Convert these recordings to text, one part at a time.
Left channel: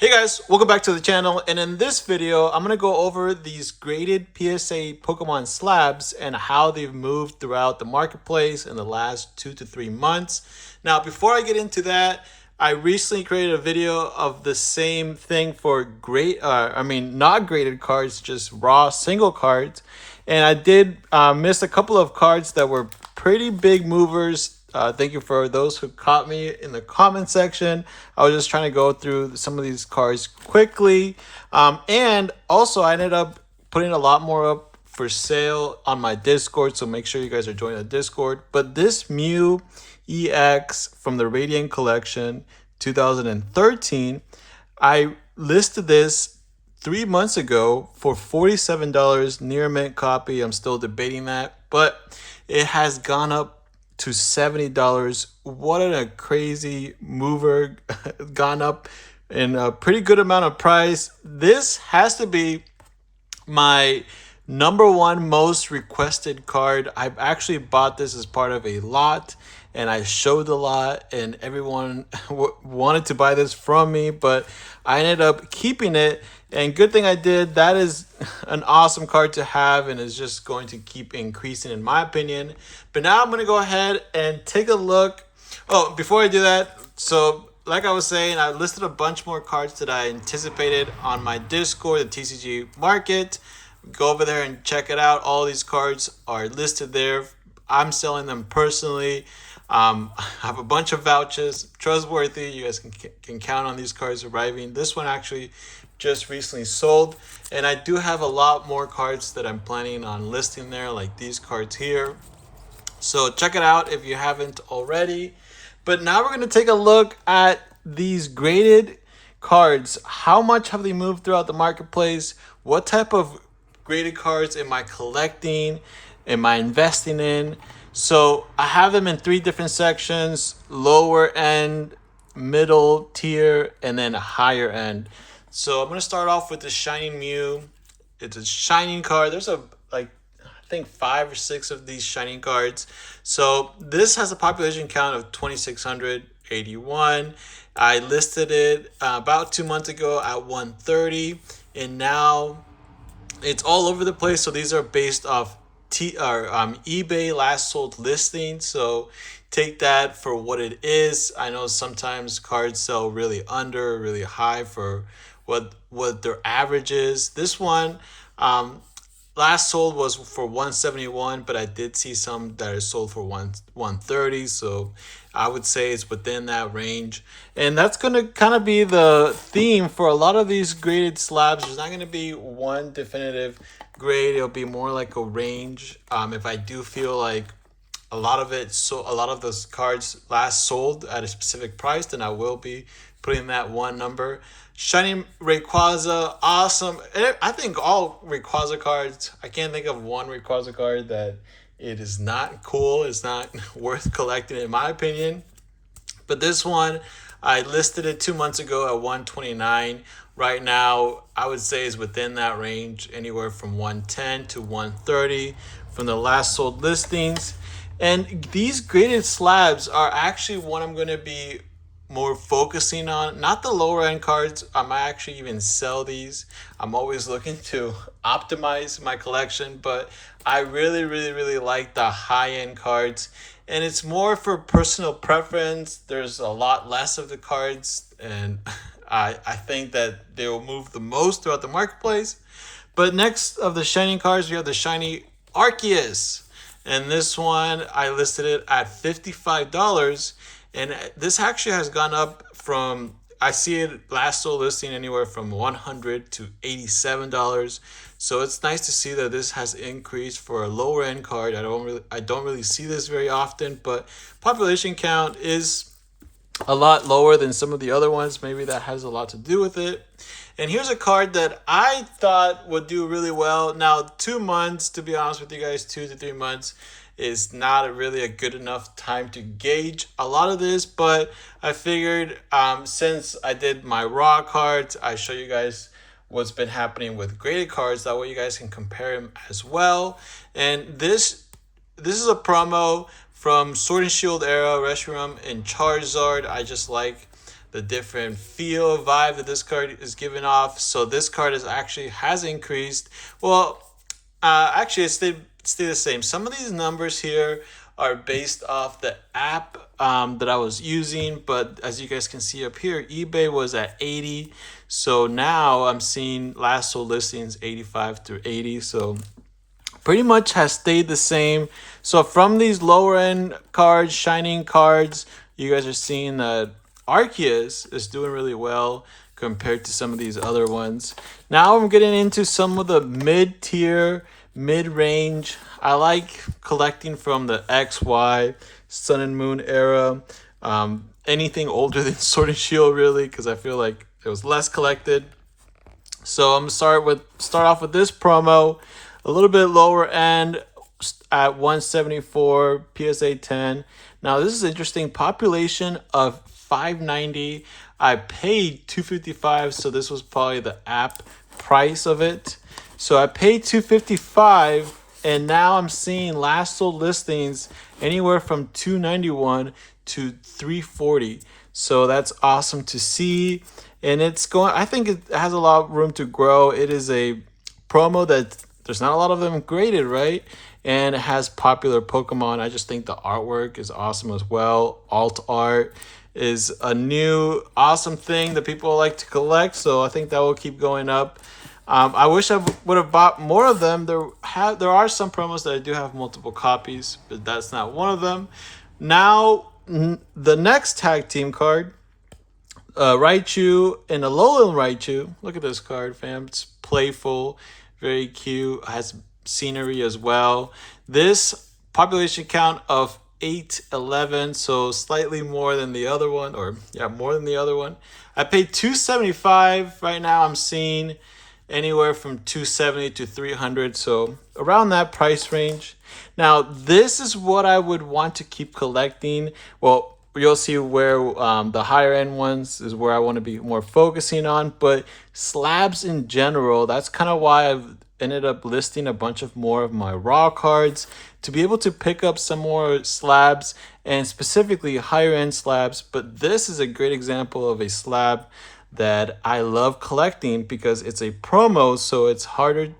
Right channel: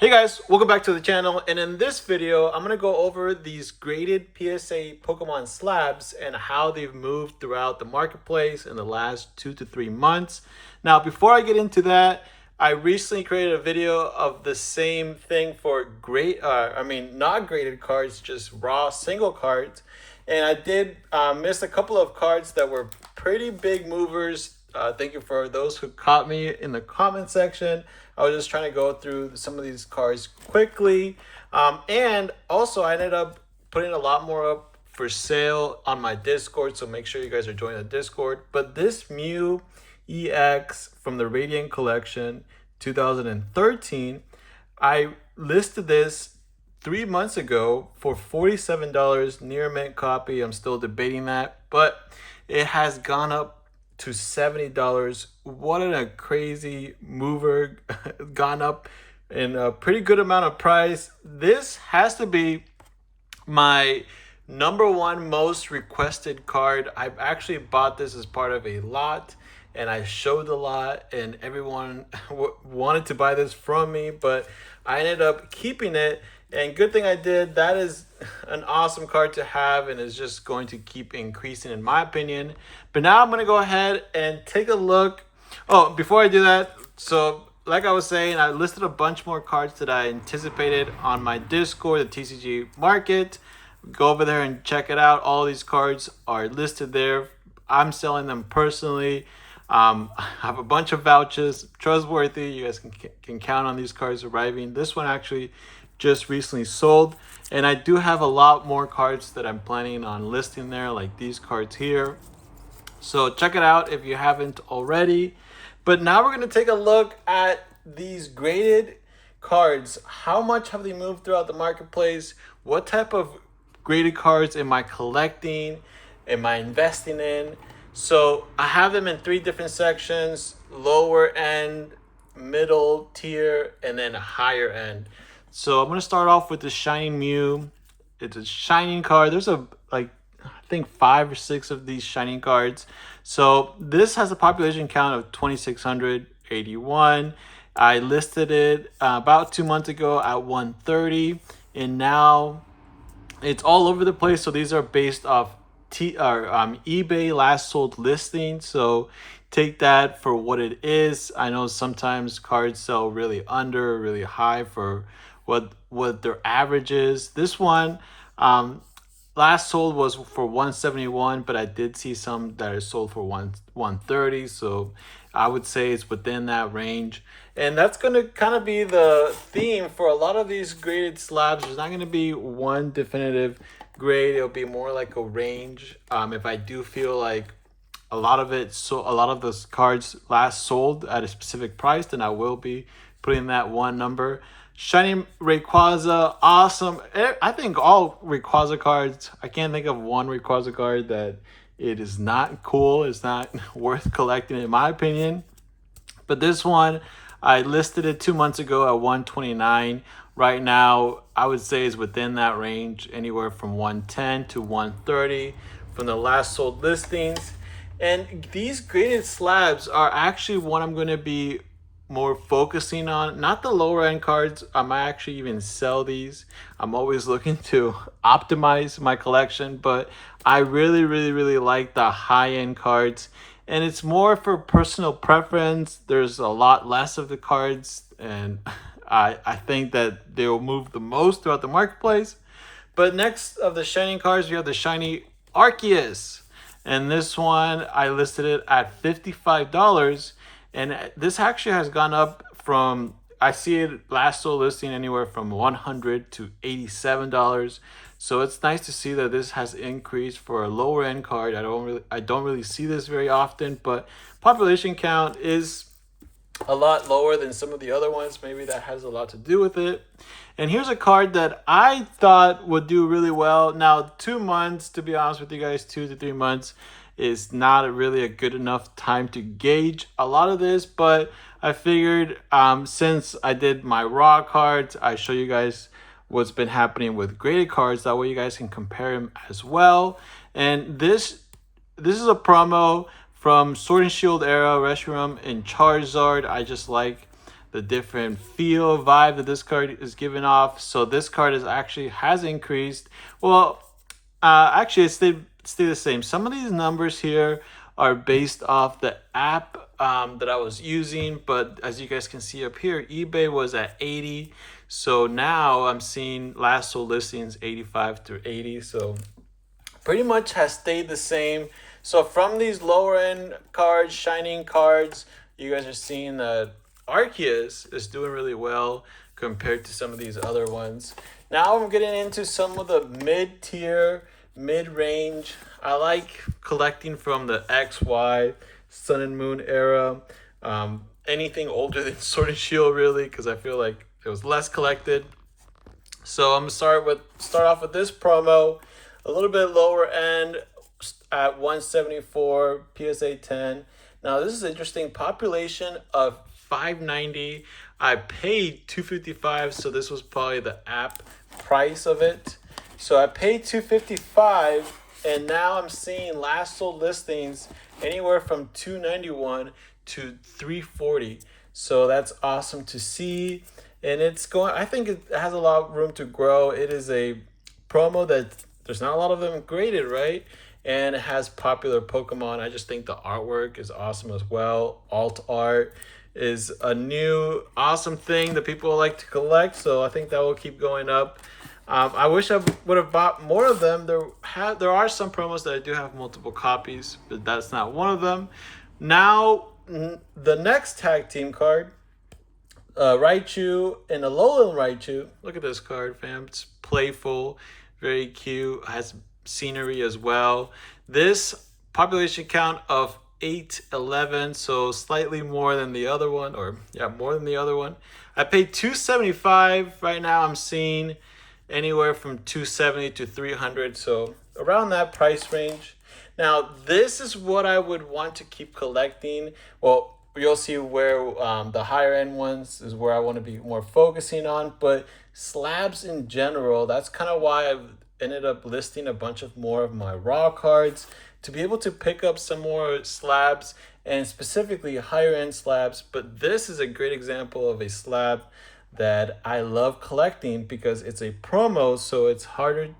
Hey guys, welcome back to the channel, and in this video I'm going to go over these graded PSA Pokemon slabs and how they've moved throughout the marketplace in the last 2 to 3 months. Now before I get into that, I recently created a video of the same thing for not graded cards, just raw single cards, and I did miss a couple of cards that were pretty big movers. Thank you for those who caught me in the comment section. I was just trying to go through some of these cards quickly. And also I ended up putting a lot more up for sale on my Discord, so make sure you guys are joining the Discord. But this Mew EX from the Radiant Collection 2013, I listed this 3 months ago for $47, near mint copy. I'm still debating that, but it has gone up to $70. What a crazy mover. Gone up in a pretty good amount of price. This has to be my #1 most requested card. I actually bought this as part of a lot, and I showed the lot, and everyone wanted to buy this from me, but I ended up keeping it. And good thing I did. That is an awesome card to have, and is just going to keep increasing in my opinion. But now I'm going to go ahead and take a look. Oh, before I do that, so like I was saying, I listed a bunch more cards that I anticipated on my Discord, the TCG market. Go over there and check it out. All these cards are listed there. I'm selling them personally. I have a bunch of vouchers, trustworthy. You guys can count on these cards arriving. This one actually just recently sold, and I do have a lot more cards that I'm planning on listing there, like these cards here. So check it out if you haven't already. But now we're going to take a look at these graded cards. How much have they moved throughout the marketplace? What type of graded cards am I collecting? Am I investing in? So I have them in 3 different sections: lower end, middle tier, and then a higher end. So I'm going to start off with the Shining Mew. It's a shining card. There's I think 5 or 6 of these shining cards. So this has a population count of 2,681. I listed it about 2 months ago at 130, and now it's all over the place. So these are based off eBay last sold listings. So take that for what it is. I know sometimes cards sell really high for what their average is. This one last sold was for 171, but I did see some that are sold for 130, so I would say it's within that range. And that's going to kind of be the theme for a lot of these graded slabs. There's not going to be one definitive grade. It'll be more like a range. If I do feel like a lot of those cards last sold at a specific price, then I will be putting that one number. Shiny Rayquaza, awesome. I think all Rayquaza cards, I can't think of one Rayquaza card that it is not cool. It's not worth collecting in my opinion. But this one, I listed it 2 months ago at 129. Right now, I would say is within that range, anywhere from 110 to 130 from the last sold listings. And these graded slabs are actually what I'm going to be more focusing on, not the lower end cards. I might actually even sell these. I'm always looking to optimize my collection, but I really like the high end cards, and it's more for personal preference. There's a lot less of the cards, and I think that they will move the most throughout the marketplace. But next of the shining cards, we have the shiny Arceus, and this one I listed it at $55. And this actually has gone up from, I see it last sold listing anywhere from $100 to $87. So it's nice to see that this has increased for a lower end card. I don't really see this very often, but population count is a lot lower than some of the other ones. Maybe that has a lot to do with it. And here's a card that I thought would do really well. Now, 2 months, to be honest with you guys, 2 to 3 months is not really a good enough time to gauge a lot of this, but I figured since I did my raw cards, I show you guys what's been happening with graded cards. That way you guys can compare them as well. And this is a promo from Sword and Shield era, Reshiram and Charizard. I just like the different feel vibe that this card is giving off. So this card is actually has increased. Well, actually it stay the same. Some of these numbers here are based off the app that I was using, but as you guys can see up here, eBay was at 80. So now I'm seeing last sold listings 85 through 80. So pretty much has stayed the same. So from these lower end cards, shining cards, you guys are seeing that Arceus is doing really well compared to some of these other ones. Now I'm getting into some of the mid-tier, mid-range. I like collecting from the XY, Sun and Moon era. Anything older than Sword and Shield, really, because I feel like it was less collected. So I'm gonna start off with this promo, a little bit lower end at 174 PSA 10. Now this is interesting. Population of 590. I paid 255, so this was probably the app price of it. So I paid 255, and now I'm seeing last sold listings anywhere from 291 to 340. So that's awesome to see. And it's going, I think it has a lot of room to grow. It is a promo that there's not a lot of them graded, right? And it has popular Pokemon. I just think the artwork is awesome as well. Alt art is a new awesome thing that people like to collect. So I think that will keep going up. I wish I would have bought more of them. There are some promos that I do have multiple copies, but that's not one of them. Now, the next tag team card, Raichu and Alolan Raichu. Look at this card, fam. It's playful, very cute, has scenery as well. This population count of 811, so slightly more than the other one, or yeah, more than the other one. I paid 275. Right now I'm seeing anywhere from 270 to 300, so around that price range. Now this is what I would want to keep collecting. Well, you'll see where the higher end ones is where I want to be more focusing on, but slabs in general, that's kind of why I've ended up listing a bunch of more of my raw cards to be able to pick up some more slabs, and specifically higher end slabs. But this is a great example of a slab that I love collecting because it's a promo, so it's harder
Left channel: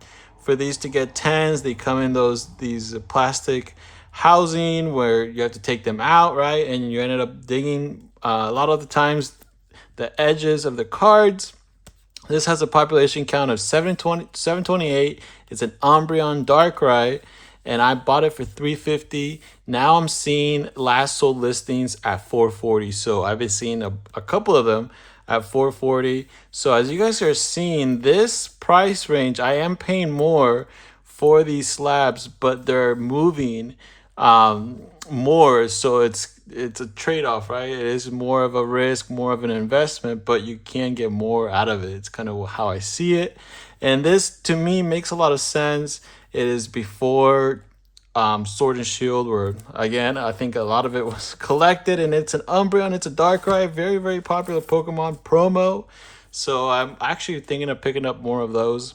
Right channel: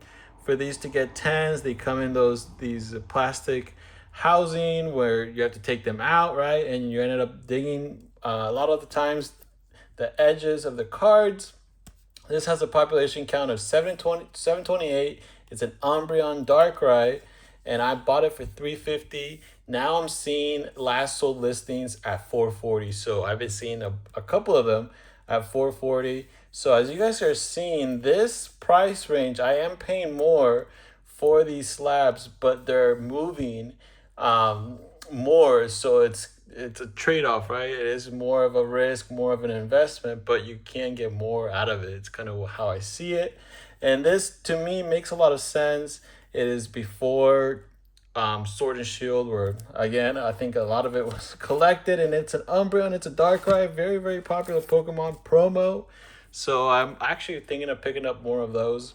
for these to get 10s. They come in these plastic housing where you have to take them out, right? And you ended up digging a lot of the times the edges of the cards. This has a population count of 728. It's an Umbreon Darkrai, and I bought it for $350. Now I'm seeing last sold listings at $440. So I've been seeing a couple of them at $440. So as you guys are seeing, this price range, I am paying more for these slabs, but they're moving more. So it's a trade-off, right? It is more of a risk, more of an investment, but you can get more out of it. It's kind of how I see it. And this, to me, makes a lot of sense. It is before Sword and Shield, where, again, I think a lot of it was collected, and it's an Umbreon, it's a Darkrai, very, very popular Pokemon promo. So I'm actually thinking of picking up more of those.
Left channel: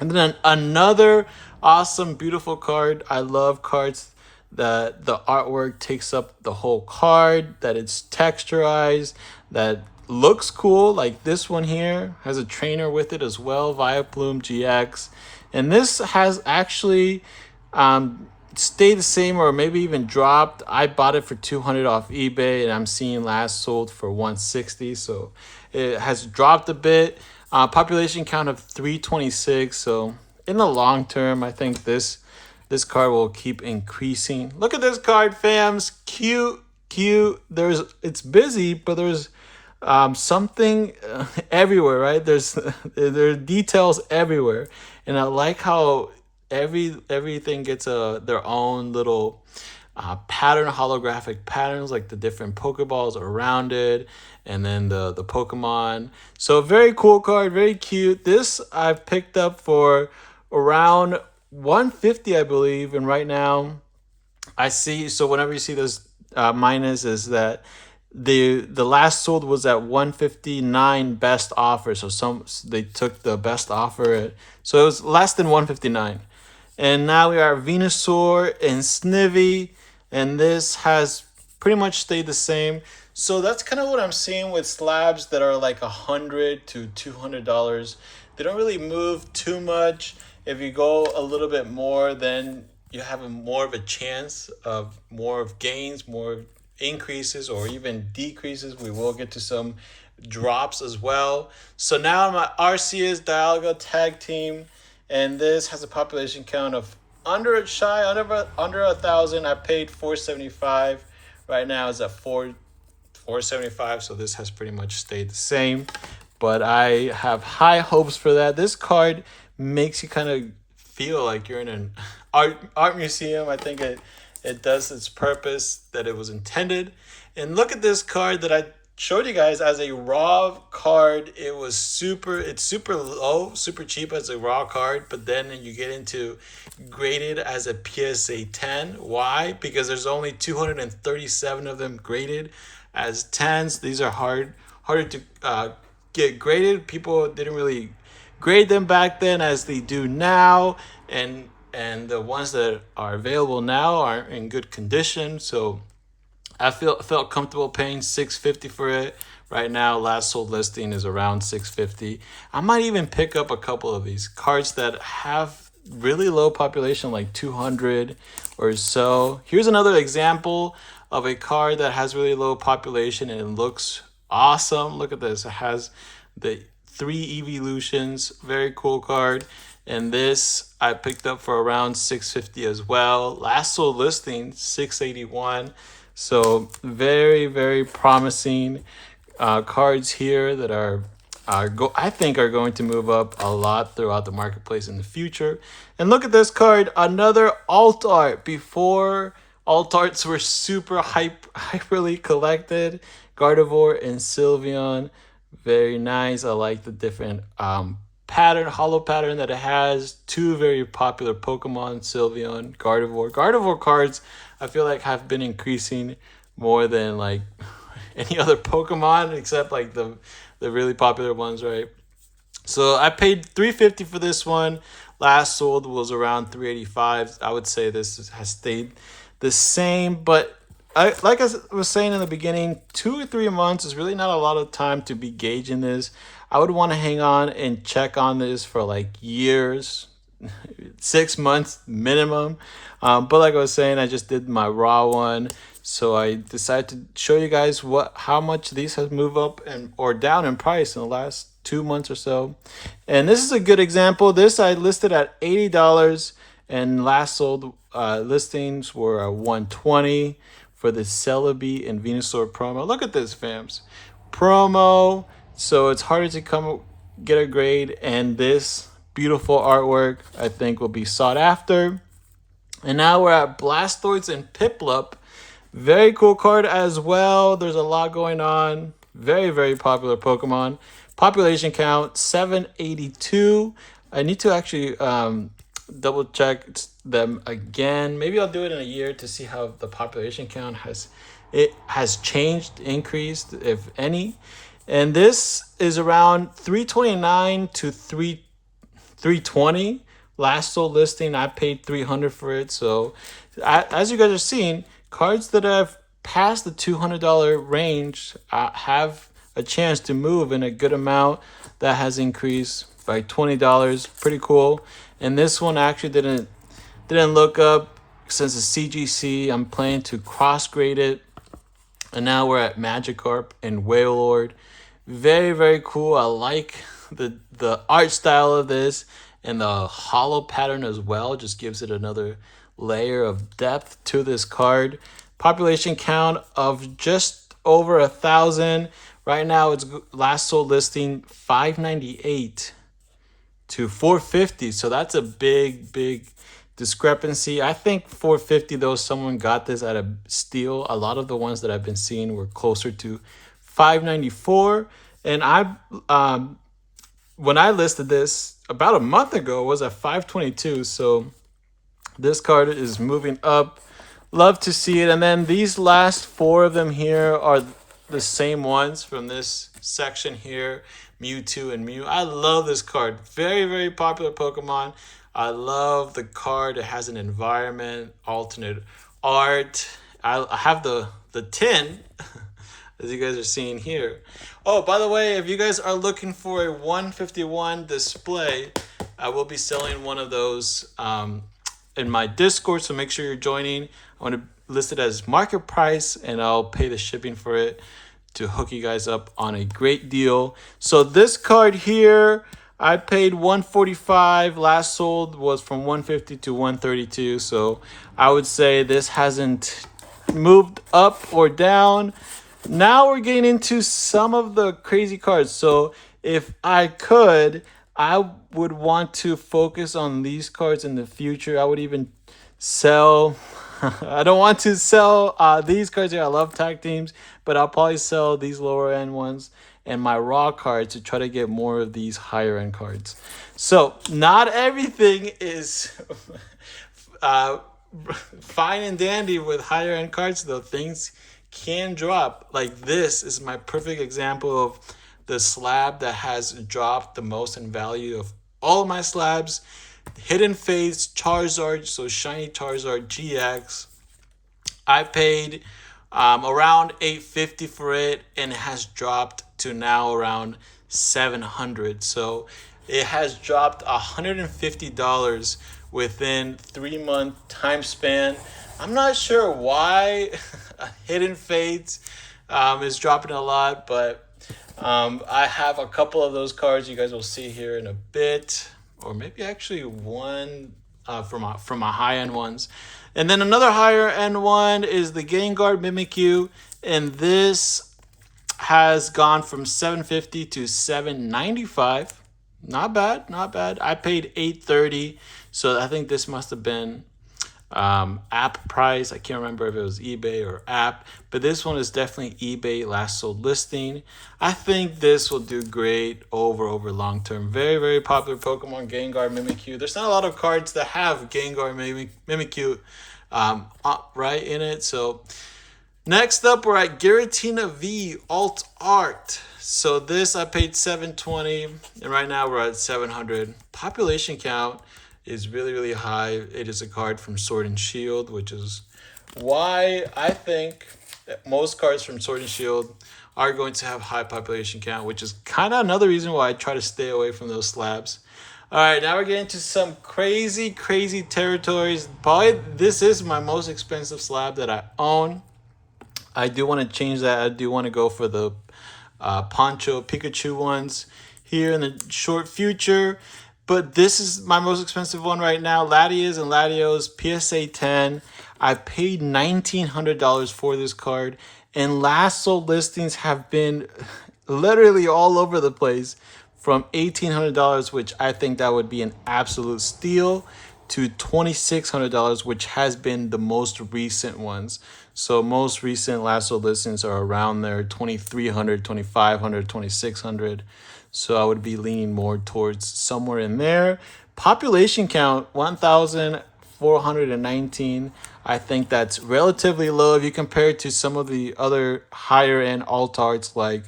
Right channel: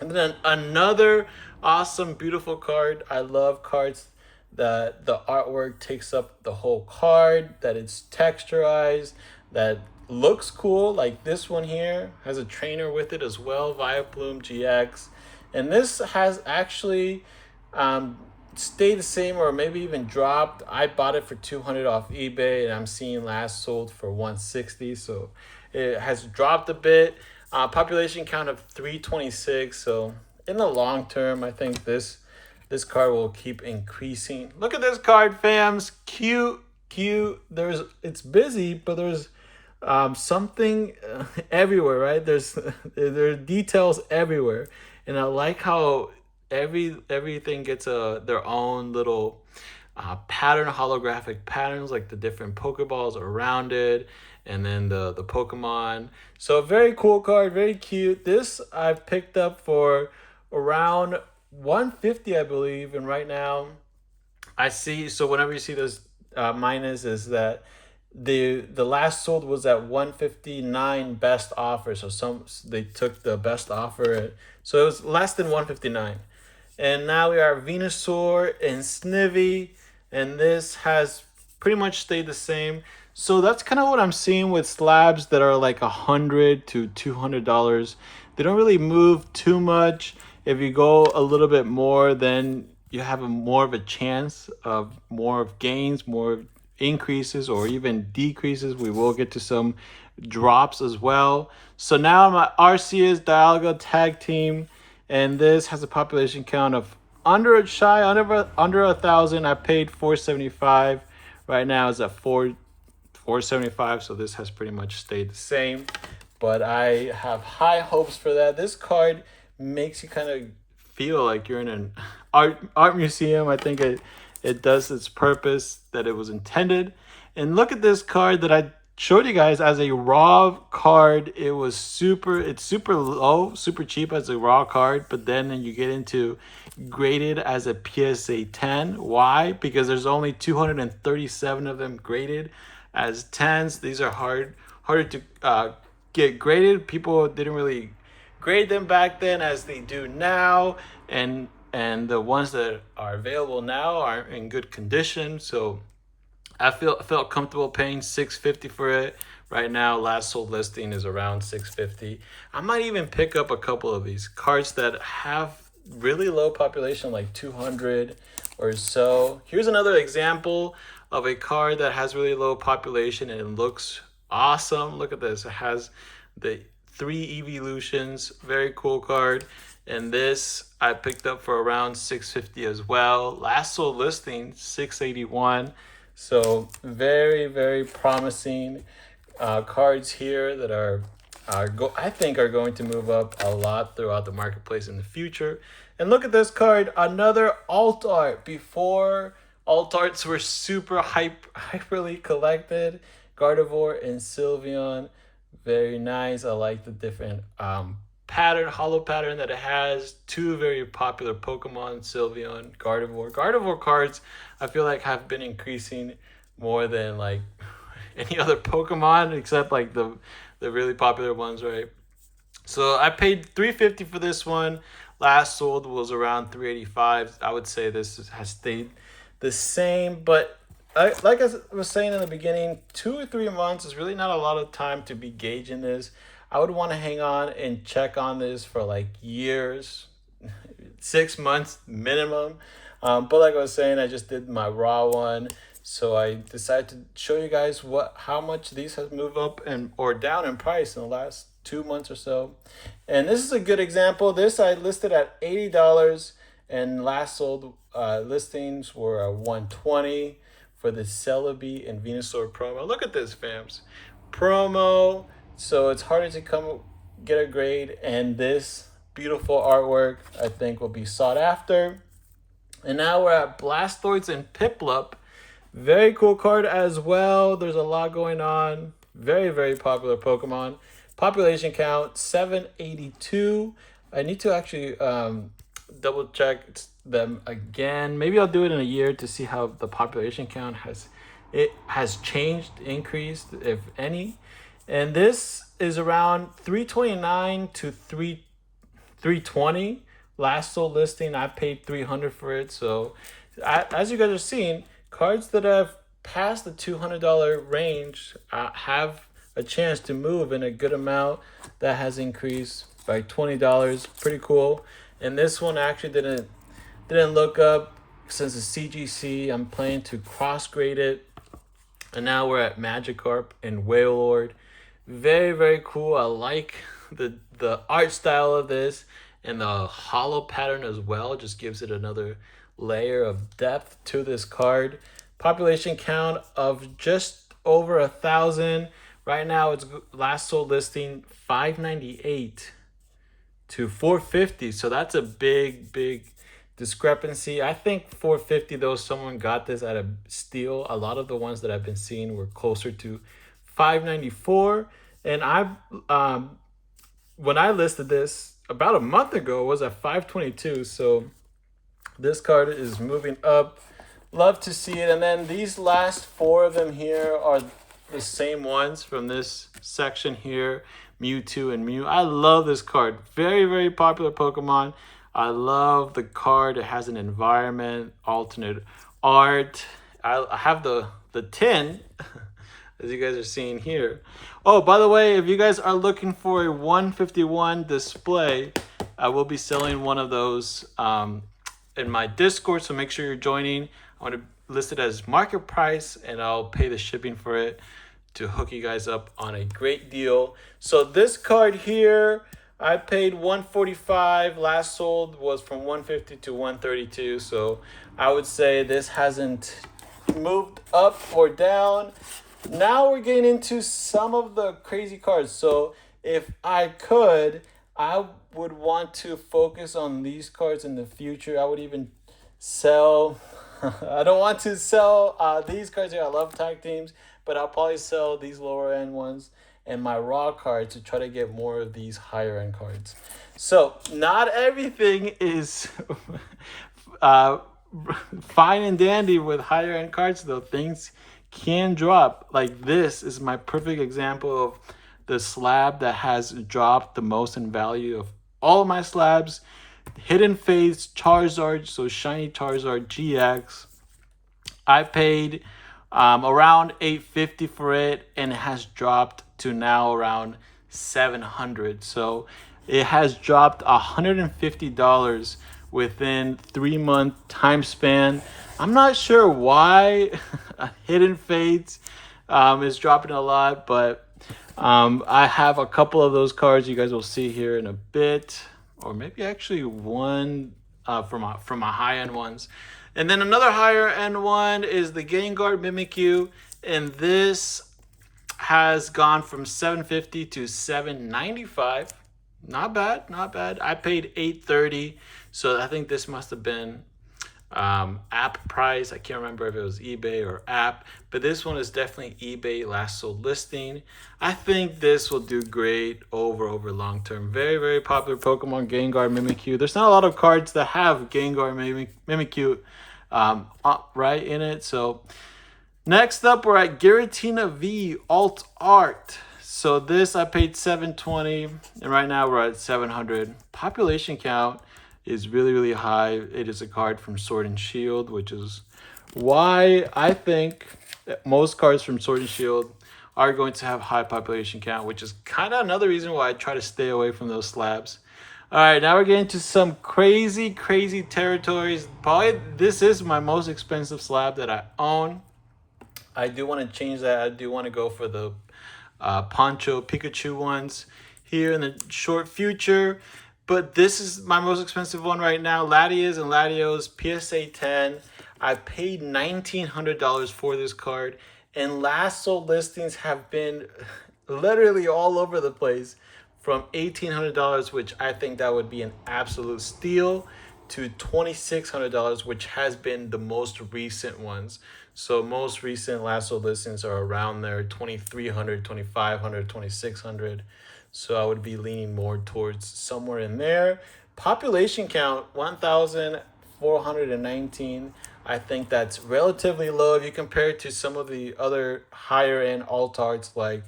And then another awesome, beautiful card. I love cards that the artwork takes up the whole card, that it's texturized, that looks cool. Like this one here has a trainer with it as well, Vileplume GX. And this has actually stayed the same or maybe even dropped. I bought it for $200 off eBay, and I'm seeing last sold for $160. So it has dropped a bit. Population count of 326. So in the long term, I think this card will keep increasing. Look at this card, fams. Cute. It's busy, but there's something everywhere, right? There are details everywhere, and I like how everything gets their own little pattern, holographic patterns, like the different Pokeballs around it, and then the Pokemon. So very cool card, very cute. This I've picked up for around $150, I believe, and right now I see. So whenever you see this minus, is that the last sold was at $159 best offer. So they took the best offer, so it was less than $159. And now we are Venusaur and Snivy, and this has pretty much stayed the same. So that's kind of what I'm seeing with slabs that are like $100 to $200. They don't really move too much. If you go a little bit more, then you have more of a chance of more of gains, more increases, or even decreases. We will get to some drops as well. So now my Arceus Dialga tag team, and this has a population count of under 1,000. I paid $475. Right now it's at $475, so this has pretty much stayed the same. But I have high hopes for that. This card makes you kind of feel like you're in an art museum. I think it does its purpose that it was intended. And look at this card that I showed you guys as a raw card. It's super low, super cheap as a raw card, but then you get into graded as a PSA 10. Why? Because there's only 237 of them graded as 10s. These are harder to get graded. People didn't really grade them back then as they do now, and the ones that are available now are in good condition. So I felt comfortable paying $650 for it. Right now, last sold listing is around $650. I might even pick up a couple of these cards that have really low population, like 200 or so. Here's another example of a card that has really low population and it looks awesome. Look at this. It has the 3 evolutions. Very cool card. And this I picked up for around $650 as well. Last sold listing $681. So very, very promising cards here that I think are going to move up a lot throughout the marketplace in the future. And look at this card, another alt art. Before, alt arts were super hyperly collected. Gardevoir and Sylveon, very nice. I like the different hollow pattern that it has. 2 very popular Pokemon, Sylveon, Gardevoir. Gardevoir cards I feel like have been increasing more than like any other Pokemon, except like the really popular ones, right? So I paid $350 for this one. Last sold was around $385. I would say this has stayed the same, but like I was saying in the beginning, 2 or 3 months is really not a lot of time to be gauging this. I would want to hang on and check on this for like years, 6 months minimum. But like I was saying, I just did my raw one. So I decided to show you guys how much these have moved up or down in price in the last 2 months or so. And this is a good example. This I listed at $80 and last sold listings were $120 for the Celebi and Venusaur promo. Look at this, fams. Promo. So it's harder to get a grade, and this beautiful artwork I think will be sought after. And now we're at Blastoise and Piplup. Very cool card as well. There's a lot going on. Very, very popular Pokemon. Population count 782. I need to actually double check them again. Maybe I'll do it in a year to see how the population count has changed, increased, if any. And this is around 329 to 320. Last sold listing, I paid $300 for it. So as you guys are seeing, cards that have passed the $200 range have a chance to move in a good amount. That has increased by $20. Pretty cool. And this one actually didn't look up since the CGC. I'm planning to cross grade it. And now we're at Magikarp and Wailord. Very, very cool. I like the art style of this, and the hollow pattern as well just gives it another layer of depth to this card. Population count of just over 1,000. Right now it's last sold listing 598 to 450. So that's a big discrepancy. I think 450 though, someone got this at a steal. A lot of the ones that I've been seeing were closer to 594. And when I listed this about a month ago, it was at 522. So this card is moving up. Love to see it. And then these last 4 of them here are the same ones from this section here, Mewtwo and Mew. I love this card. Very, very popular Pokemon. I love the card. It has an environment, alternate art, I have the tin, as you guys are seeing here. Oh, by the way, if you guys are looking for a 151 display, I will be selling one of those in my Discord, so make sure you're joining. I want to list it as market price, and I'll pay the shipping for it to hook you guys up on a great deal. So this card here, I paid $145. Last sold was from $150 to $132. So I would say this hasn't moved up or down. Now we're getting into some of the crazy cards. So if I could, I would want to focus on these cards in the future. I would even sell. I don't want to sell these cards here. I love tag teams, but I'll probably sell these lower end ones and my raw cards to try to get more of these higher end cards. So not everything is fine and dandy with higher end cards, though. Things can drop. Like this is my perfect example of the slab that has dropped the most in value of all of my slabs. Hidden Fates Charizard, so shiny Charizard GX. I paid around $850 for it, and it has dropped to now around $700. So it has dropped $150 within 3-month time span. I'm not sure why Hidden Fates is dropping a lot, but I have a couple of those cards you guys will see here in a bit, or maybe actually one from my high-end ones. And then another higher-end one is the Gengar Mimikyu, and this has gone from $750 to $795. Not bad, not bad. I paid $830, so I think this must have been app price. I can't remember if it was eBay or app, but this one is definitely eBay last sold listing. I think this will do great over long term. Very, very popular Pokemon, Gengar Mimikyu. There's not a lot of cards that have Gengar Mimikyu right in it. So next up, we're at Giratina V Alt Art. So this I paid $720, and right now we're at $700. Population count is really, really high. It is a card from Sword and Shield, which is why I think most cards from Sword and Shield are going to have high population count, which is kind of another reason why I try to stay away from those slabs. All right, now we're getting to some crazy, crazy territories. Probably this is my most expensive slab that I own. I do want to change that. I do want to go for the Poncho Pikachu ones here in the short future. But this is my most expensive one right now. Latias and Latios PSA 10. I paid $1,900 for this card. And last sold listings have been literally all over the place. From $1,800, which I think that would be an absolute steal, to $2,600, which has been the most recent ones. So most recent last sold listings are around there, $2,300, $2,500, $2,600. So I would be leaning more towards somewhere in there. Population count, 1,419. I think that's relatively low if you compare it to some of the other higher end alt arts like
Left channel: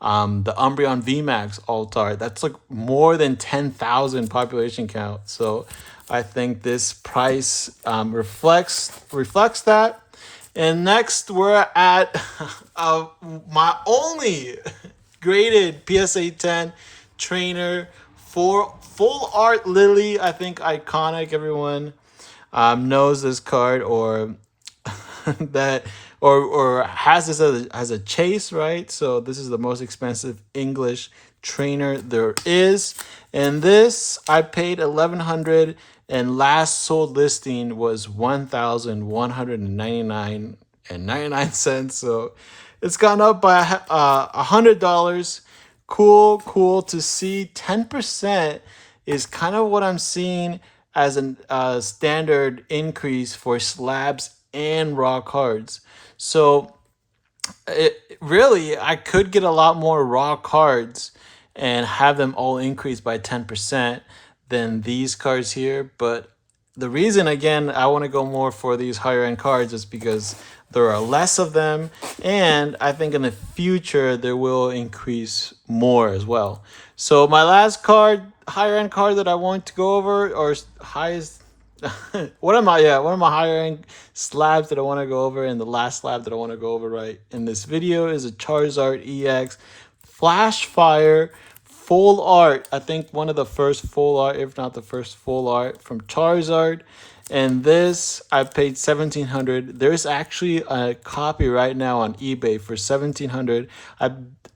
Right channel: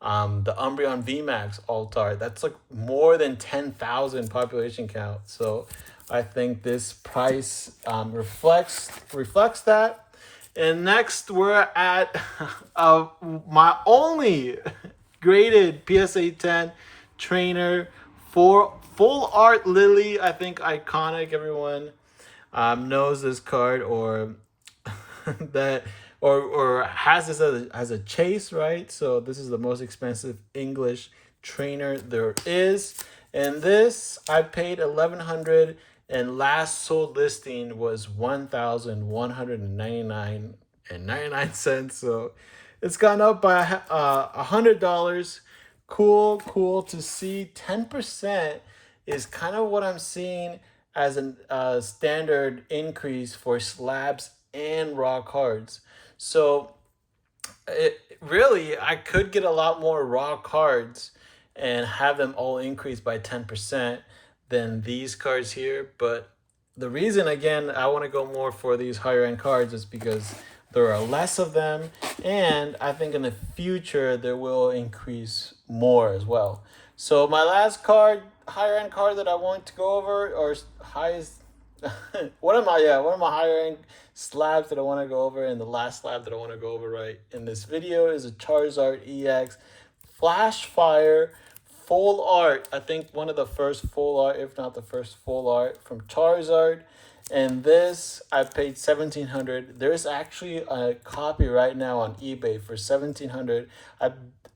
the Umbreon VMAX alt art. That's like more than 10,000 population count. So I think this price reflects that. And next we're at my only graded PSA 10 trainer for Full Art Lily. I think iconic. Everyone knows this card or that or has this as a chase, right? So this is the most expensive English trainer there is. And this I paid $1,100, and last sold listing was $1,199.99. So it's gone up by $100. Cool to see. 10% is kind of what I'm seeing as a standard increase for slabs and raw cards. So really, I could get a lot more raw cards and have them all increase by 10% than these cards here. But the reason, again, I want to go more for these higher end cards is because there are less of them, and I think in the future there will increase more as well. So my last card, higher end card that I want to go over, or highest What am I? Yeah, one of my higher end slabs that I want to go over, and the last slab that I want to go over right in this video is a Charizard EX Flash Fire full art. I think one of the first full art, if not the first full art from Charizard. And this I paid $1,700. There's actually a copy right now on eBay for $1,700.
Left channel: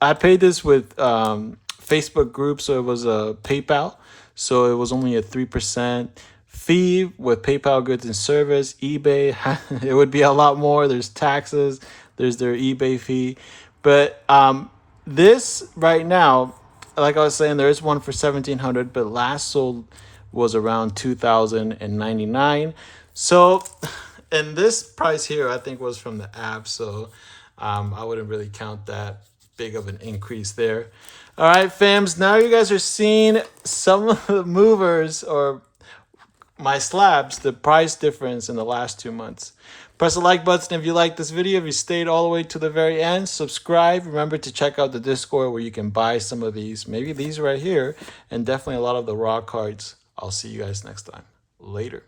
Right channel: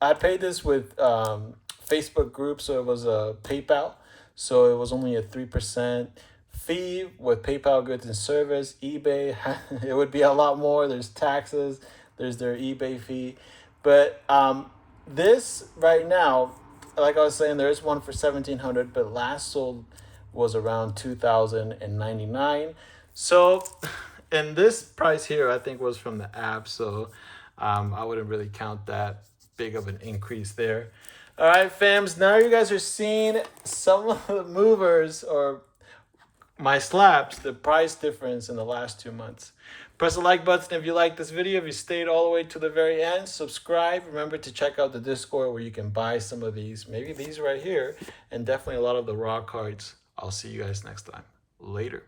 I paid this with Facebook group, so it was a PayPal, so it was only a 3% fee with PayPal goods and service. eBay, it would be a lot more. There's taxes, there's their eBay fee, but this right now, like I was saying, there is one for $1,700, but last sold was around $2,099. So, and this price here I think was from the app, so I wouldn't really count that big of an increase there. All right, fams, now you guys are seeing some of the movers or my slabs, the price difference in the last 2 months. Press the like button if you like this video. If you stayed all the way to the very end, subscribe. Remember to check out the Discord where you can buy some of these, maybe these right here, and definitely a lot of the raw cards. I'll see you guys next time. Later.